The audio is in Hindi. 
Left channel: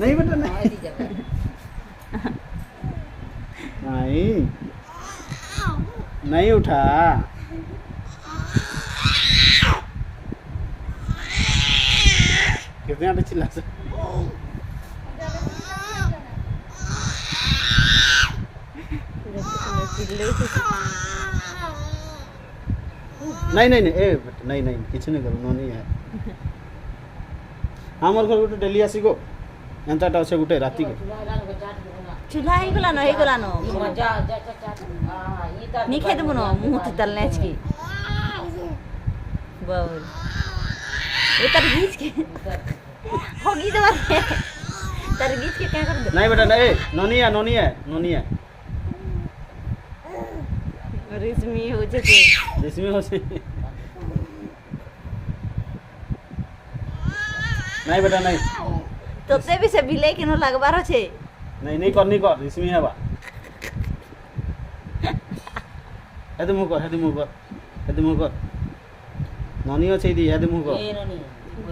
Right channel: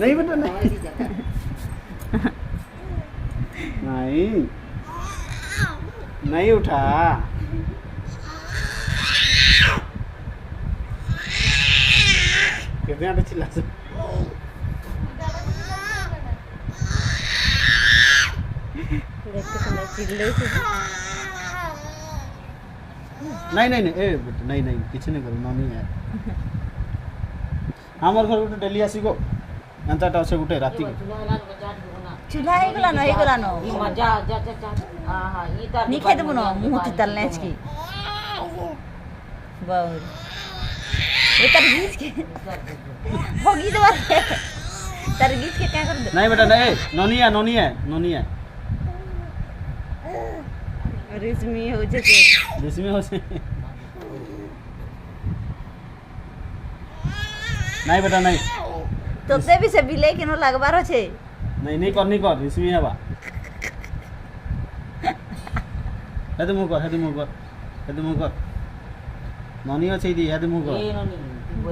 नहीं बेटा नहीं नहीं नहीं उठा कितने आटे चिल्ला से नहीं नहीं नहीं ए नहीं नहीं किसी नहीं कर नहीं है हमर घर गोटे डेली आसी गो एंताटा अच्छे गोटे राति के चूल्हा ही गला न मजा जा जा जा हां हां ये त नहीं खाई देबो न मुंह तलने की बाउल ये तरगीज के होगी दवा तरगीज के क्या कर दे नहीं बेटा नहीं नोनी है रिस्मी हो जैसे रिस्मी हो से नहीं बेटा नहीं तो ते भी से बिले के न लगबार छे नहीं कर रिस्मी है बा हेदे मुंह कर नोनी अच्छे दी हेदे मुंह कर ये नो नहीं